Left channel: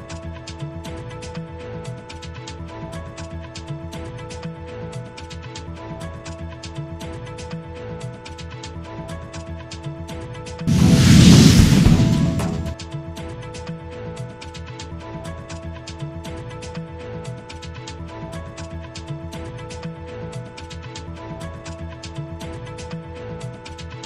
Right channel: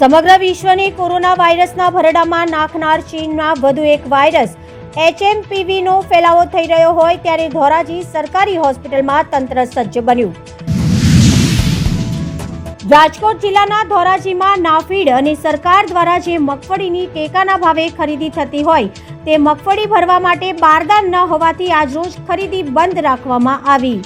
સમગ્ર વિશ્વને કોરોના વાયરસના ભરડામાં નાખનાર ચીનના વધુ એક વાયરસ HMPVનો ફેલાવો થઈ રહ્યો હોય ત્યારે ધોરાજી સરકારી હોસ્પિટલમાં તંત્ર સજ્જ બન્યું। રાજકોટ જિલ્લાના ધોરાજીમાં નાફીડ અને સરકાર દ્વારા જે મગફળીની ટેકાના ભાવે ખરીદી થતી હોય તે મગફળી ભરવા માટે બારદાન ન હોવાથી આજરોજ ખરીદી બંધ રાખવામાં આવી।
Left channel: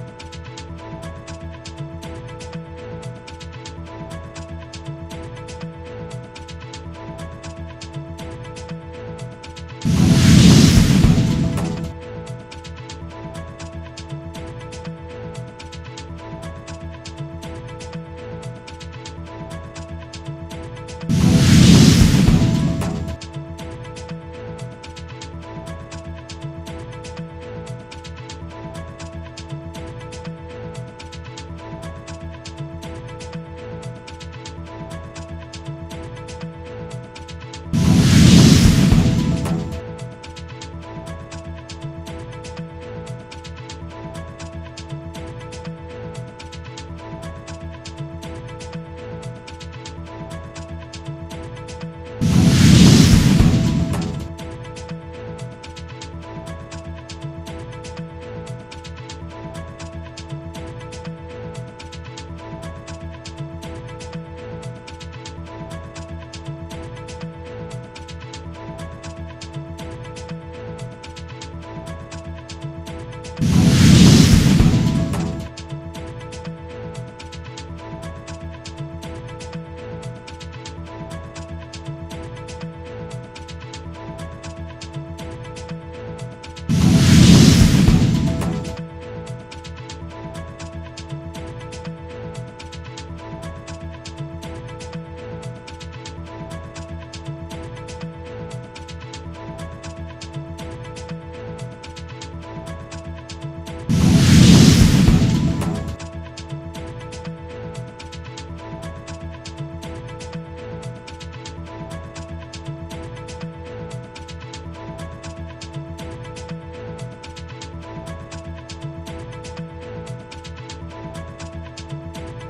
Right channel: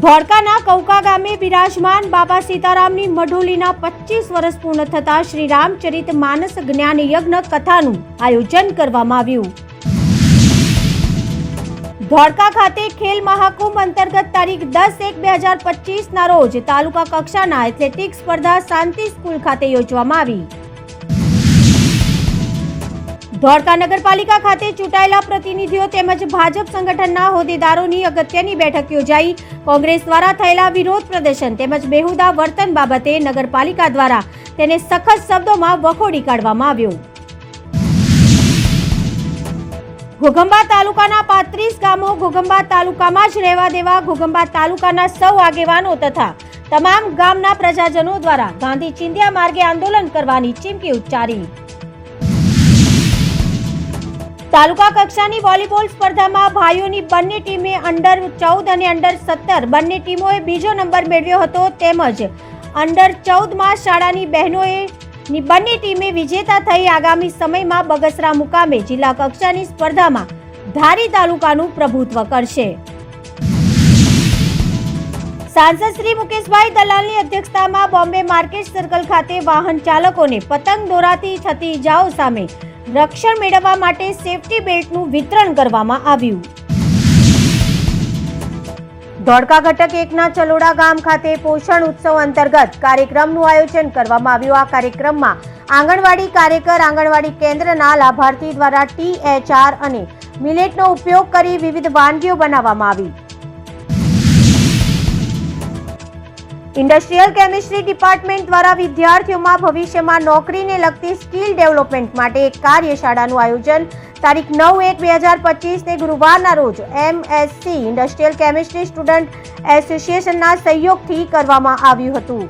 ધોળકાના કૌકા ગામે બિરાજમાન બાબા સીતારામની મઢોલીના 25 વર્ષ પૂર્ણ થતા શ્રી રામચરિત માનસ જ્ઞાન યજ્ઞ કથાનું આયોજન કરવામાં આવ્યું। ધોળકા ખાતે ખેલ મહાકુંભ અંતર્ગત તારીખ 10/1/2025 રોજ તાલુકા કક્ષાના એથ્લેટિક્સ સ્પર્ધા શાંતિ સ્કૂલ ખાતે યોજવામાં આવી। ધોળકા નગરપાલિકા ખાતે ચૂંટાયેલા પ્રતિનિધિઓ તેમજ ભાજપ સંગઠનના હોદ્દેદારોની અગત્યની બેઠક યોજાઈ। કોંગ્રેસ દ્વારા થયેલા વિરોધ પ્રદર્શન તેમજ બેહુદા વર્તન બાબતે નગરપાલિકા દ્વારા તેને સખત શબ્દોમાં વખોડી કાઢવામાં આવ્યો। ઘોઘંબા તાલુકાના 35 ગામો ઘોઘંબા તાલુકામાં જ રહેવા દેવા ઘોઘંબા તાલુકાના સૌ આગેવાનો તથા તમામ ગામના પ્રજાજનો દ્વારા ગાંધી ચિંધ્યા માર્ગે આંદોલન કરવાની ચીમકી ઉચ્ચારી। તાલુકા કક્ષાની વોલીબોલ સ્પર્ધામાં ભાઈઓની બંને ટીમે અંડર 14 અને અંડર 17 બંને ટીમોએ બીજો નંબર મેળવ્યો હતો તેમજ અંડર 14માં શાળાની બહેનોએ બંને ટીમે વિજેતા થઈ આગામી સમયમાં બગસરા મુકામે જિલ્લા કક્ષાની સ્પર્ધામાં ધારી તાલુકાનું પ્રભુત્વ કરશે। સાંસદ શ્રી મુકેશભાઈ દલાલની અધ્યક્ષતામાં બોમ્બે માર્કેટ સર્કલ ખાતે વાહન ચાલકોને પતંગ દોરાથી થતી ઇજાઓ સામે રક્ષણ મેળવવા માટે સેફટી બેલ્ટનું વિતરણ કરવામાં આવ્યું। ધોળકા ઘટક 1ના ચલોડા ગામ ખાતે પોષણ ઉત્સવ અંતર્ગત કાર્યક્રમનું આયોજન કરવામાં આવ્યું। આ કાર્યક્રમમાં આંગણવાડી કાર્યકર આંગણવાડી કેન્દ્રના લાભાર્થી દ્વારા THR અને મિલેટનો ઉપયોગ કરી વિવિધ વાનગીઓ બનાવવામાં આવી। ઇન્ડસ્ટ્રીયલ કેમિસ્ટ્રી ડિપાર્ટમેન્ટ દ્વારા વિદ્યાર્થીઓમાં ભવિષ્યમાં નોકરીને લગતી સ્કિલ ડેવલપમેન્ટ માટે એક કાર્યશાળાનું આયોજન તારીખ 9/1/2025 ગુરુવારના રોજ MSc ઇન્ડસ્ટ્રીયલ કેમિસ્ટ્રી સ્ટુડન્ટ એસોસિએશનના સહયોગથી કરવામાં આવ્યું હતું।